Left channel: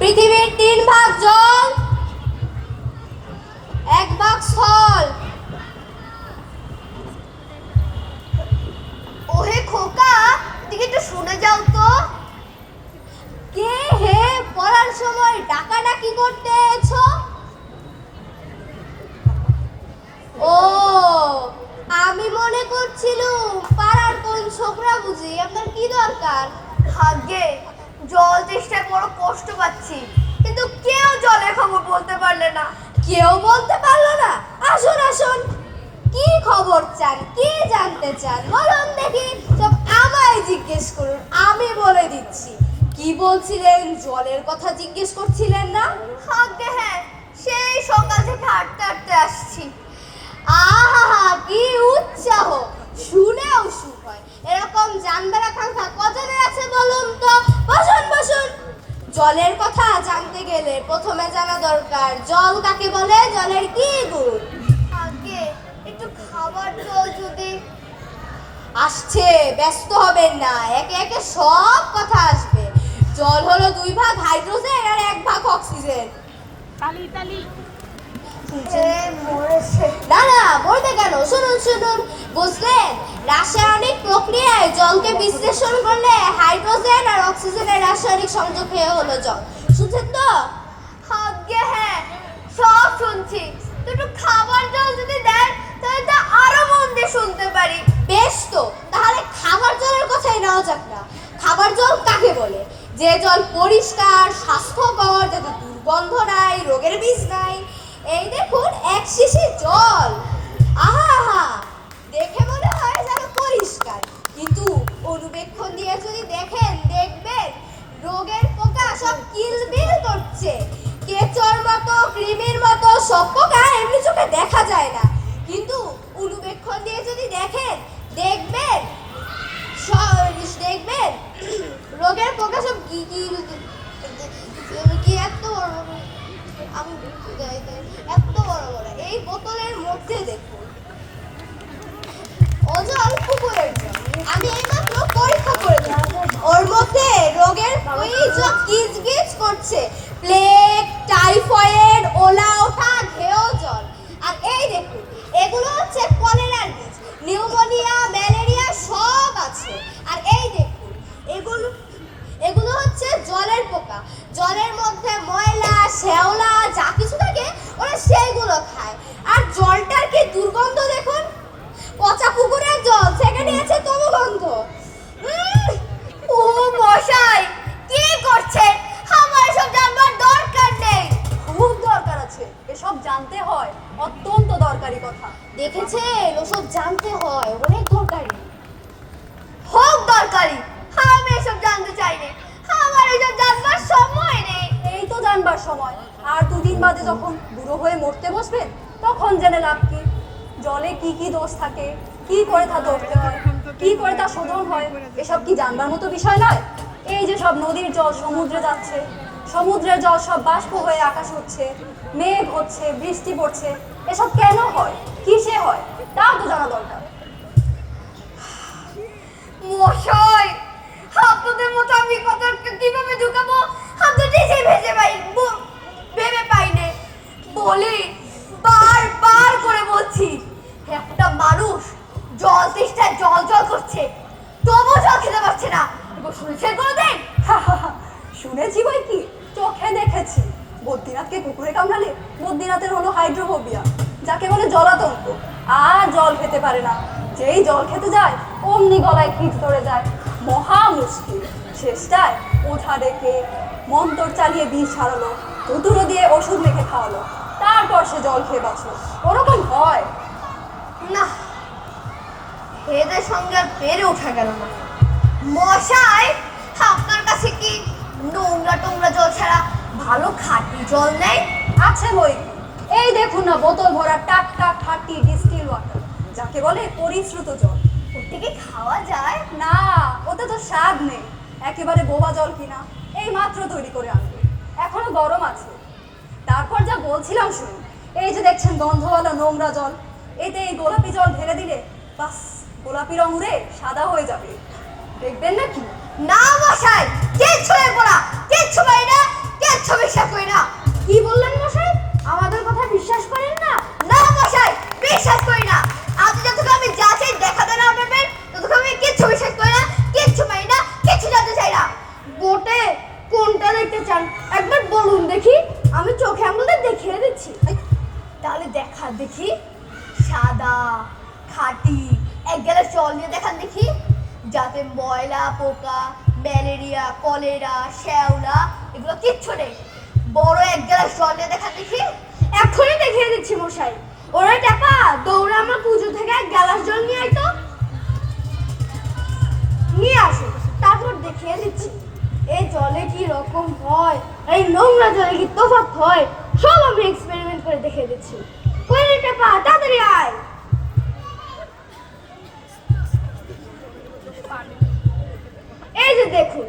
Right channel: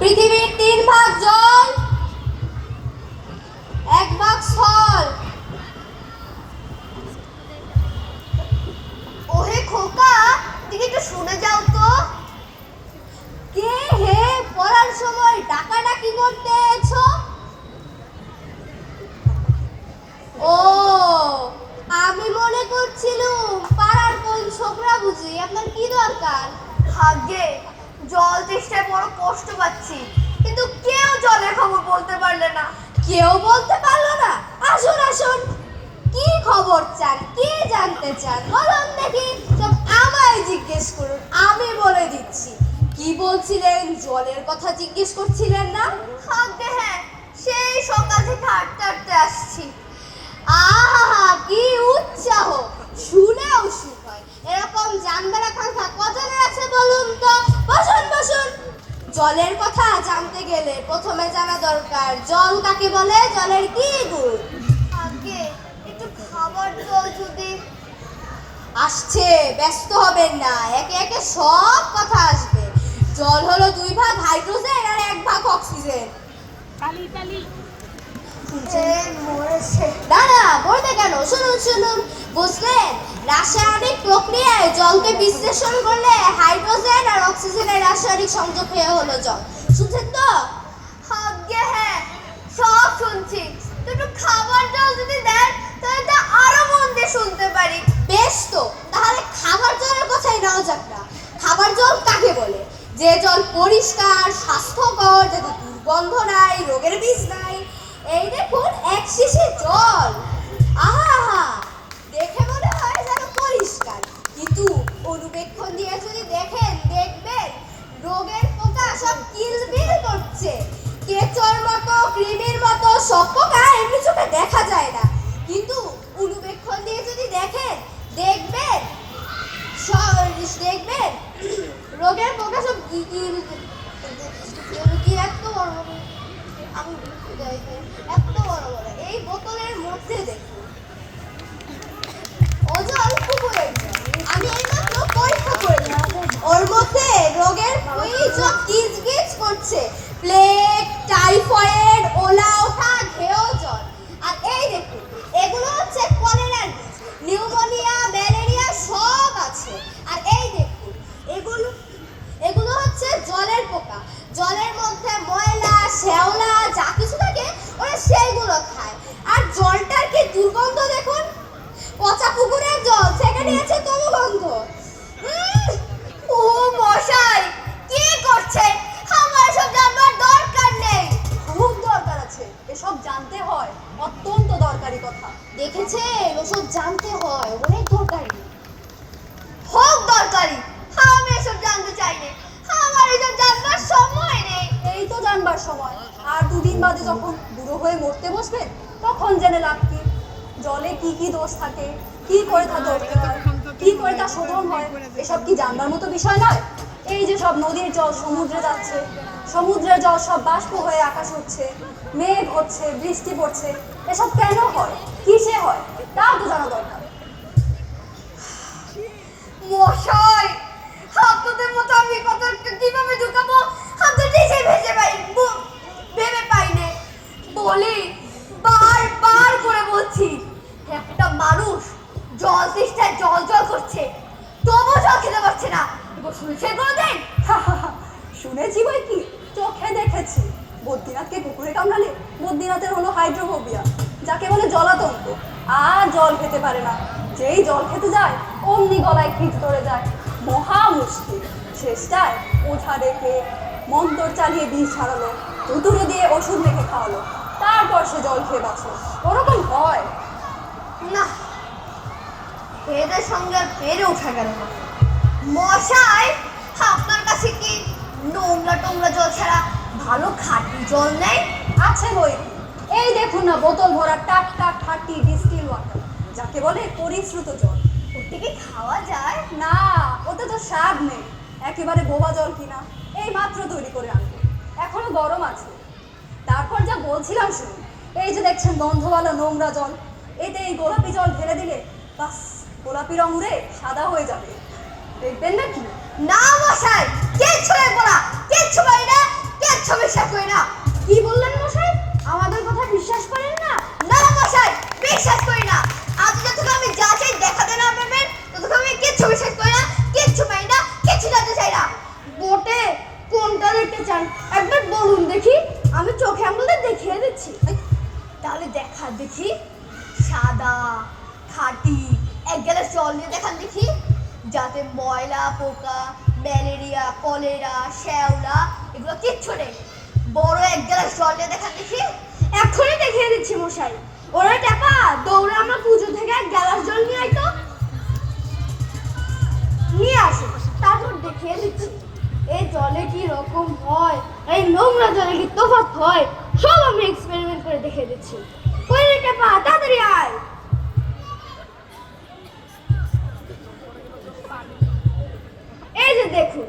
পৃথিবীর 3 ভাগ জল, 1 ভাগ স্থল। ওরে খোকা, তুই একটু শুনে যাও তো। কে হে পড়ার সময় ডাকাডাকি করতে এছো? ও, আমি মনে করছিলাম পাড়ার কোন ছোকরা বুঝি। আপনার কি দরকার? ভাগ্যে জল তেষ্টায় বড় কষ্ট পাচ্ছি, কিন্তু কেউ জলের খবর বলতে পারলে না। কেউ বলতে পারলো না? আসুন আসুন, কি খবর চান, কি জানতে চান বলুন দেখি। সব আমায় জিজ্ঞেস করুন, আমি বলে দিচ্ছি। কি বলছিলেন? জলের কথা জিজ্ঞেস করছিলেন না? ভাগ্যে হ্যাঁ, সেই সকাল থেকে হাঁটতে হাঁটতে আসছি। আহা, কি উৎসাহ! শুনেও সুখ হয়। এরকম জানবার আকাঙ্ক্ষা কজনের আছে বলুন তো? বসুন বসুন। জলের কথা জানতে গেলে প্রথমে জানা দরকার জল কাকে বলে, জলের কি গুণ। ভাগ্যে একটু খাবার দাও যদি। আসছে, ব্যস্ত হবেন না, একে একে সব কথা আসবে। জল হলো 2 ভাগ হাইড্রোজেন আর 1 ভাগ অক্সিজেন। মরেছে। না না, বলতে কেন, শুনুন শুনুন। বুঝলেন, রাসায়নিক প্রক্রিয়ায় জলকে বিশ্লেষণ করলে হাইড্রোজেন আর অক্সিজেনের রাসায়নিক সংযোগ হয়ে হলো জল। শুনছেন তো? ভাগ্যে হ্যাঁ, সব শুনছি। তুই একটু খাবার জল যদি দেন তাহলে তো আরো মন দিয়ে শুনতে পারি। বেশ তো, তাহলে খাবার জলের কথাই নেওয়া যাক না। খাবার জল কাকে বলে? যে জল পরিষ্কার, স্বাস্থ্যকর, যাতে দুর্গন্ধ নাই, রোগের বীজ নাই। এই দেখুন 1 শিশি জল। আহা আহা, দেখে মনে হয় যেন পরিষ্কার, কিন্তু অনুবেক্ষণ দিয়ে যদি দেখেন, দেখবেন রোগের পোকা সব কিলবিল করছে। কেঁচোর মতো, কৃমির মতো সব পোকা এমনি চোখে দেখা যায় না, কিন্তু অনুবেক্ষণ দিয়ে যদি দেখেন, দেখবেন দেখবেন রোগের পোকা সব কি এত বড়, আমি এত বড় বড় এই বোতলের মধ্যে দেখুন। ওজন পুকুরের জল। আমি এইমাত্র পরীক্ষা করে দিলাম, ওর মধ্যে রোগের বীজ গিজ গিজ করছে। প্লেগ, টাইফয়েড, ওলা ওঠা, ঢেউ জল। আর এই দেখুন, এগুলো হচ্ছে কলেরার বীজ। নিউমোনিয়া, ম্যালেরিয়া সব আছে। আর এই দেখুন, এগুলো এগুলো হচ্ছে জলের পোকা। জলের মধ্যে ময়লা, শ্যাওলা যা কিছু থাকে ওরা সেইগুলো খায়। আর জলটার কি দুর্গন্ধ দেখুন! পচা পুকুরের জল, সেখানে আছে তমগন্ধ। ও মশাই, কি করছেন? আমার এসব জানবার দরকার নেই। খুব দরকার আছে, এসব জানতে হয়, অত্যন্ত দরকারি কথা। দেখেছেন, ওসব জানতে হয়, অনেক দরকারি। হোক দরকারি, আমি এসব জানতে চাই না। আমার এসব জানবার সময় নেই। এই তো জানবার সময়, আর 2 দিন বাদে যখন বুড়ো হয়ে মরতে বসবেন তখন জেনে লাভ কি? জলে কি কি দোষ থাকে, কি করে তা ধরতে হয়, কি করে তা শোধন হয়, এসব কি জানবার মতো বিষয় নয়? এই যে সব নদীর জল সমুদ্রে যাচ্ছে, সমুদ্রের জল সব বাষ্প হয়ে আকাশ হচ্ছে, মেঘ হচ্ছে, বৃষ্টি পড়ছে, এসব কেন হয়, কিসে হয়, তাও তো জানা দরকার। মশাই, আপনাদের মতো আমি কথা কিভাবে ঢুকাবো আমি তো নিজেই ভেবে পাই না। বলি, বারবার করে বলছি, একটা মানুষ জল তেষ্টায় জল জল করছে, তবু জল খেতে পারছে না। এবার শুনছেন কোনোদিন? শুনেছি বই কি, চোখে দেখেছি। বদ্রীনাথকে কুকুরে কামড়ালে বদ্রীনাথের হলো হাইড্রোফোবিয়া, যাকে বলে জলাতঙ্ক। আর জল খেতে পারে না, যেই জল খেতে যায় অমনি গলায় কিট পড়ে যায়, মহা মুশকিল। শেষটায় ওঠা রেখে মন্তর চালিয়ে বিষ ছাড়ালো, উতুরো দিয়ে ওষুধ মেখে খাওয়ালো, তারপর সে জল খেয়ে বাঁচলো। ওরকম হয় না, এদের সঙ্গে আর পেরে ওঠা গেল না। মশাই, আপনার কাছে কি নোংরা টোংরা জল ছাড়া ভালো খাঁটি জল নেই? আছে বই, এই দেখুন না, বোতল ভরা টাটকা খাঁটি ডিস্টিল ওয়াটার, যাকে বলে পরিশ্রুত জল। ওটা কি খাওয়া যায়? না, ওতে তো স্বাদ নেই, একেবারে বোবা জল কিনা, এই মাত্র তৈরি করে আনবে, এখনো গরম আছে। তারপর যা বলছিলাম শুনুন, এই যে দেখছেন গন্ধওয়ালা নোংরা জল, এতে এই গোলাপি জল ঢেলে দিলে বাস গোলাপি রং উড়ে সাদা হয়ে যাবে, দেখবেন নাকি? না মশাই, কিচ্ছু নেবো না, কিচ্ছু পাই না, কিচ্ছু কিচ্ছু বিশ্বাস করি না। কি বললেন মশাই? আমাদের কথা বিশ্বাস করেন না? না মশাই, বিশ্বাস করি না। আপনি যতক্ষণ আমি যা চাই দেখাতে না পারবেন ততক্ষণ আমি কিচ্ছু বিশ্বাস করি না, কিচ্ছু পাই না, কিচ্ছু জানতে চাই না। বটে, কোনটা দেখতে চান একবার বলুন দেখি, আমি চোখে আঙুলে দেখিয়ে দিচ্ছি। তাহলে দেখা দেখি। সাদা খাঁটি এক গ্লাস জল নিয়ে দেখান দেখি, যাতে ময়লা পোকা ম্যালেরিয়া কলেরা শ্যাওলা এগুলো কিচ্ছু নেই। বড় এক গ্লাস জল নিয়ে দেখান দেখি। এখনই দেখিয়ে দিচ্ছি মশাই। ওরে টাকা, দৌড়ে আমরা পুজো থেকে এক গ্লাস জল নিয়ে আইতো। নিয়ে আসো, তারপর দেখিয়ে দিচ্ছি এই জলে কি রকম হয়, এই নোংরা জলে কি তফাৎ হয়, সব আমি এক্সপেরিমেন্ট করে দেখিয়ে দিচ্ছি। ওরে টাকা, তাড়াতাড়ি আয়। এই যে দেখুন,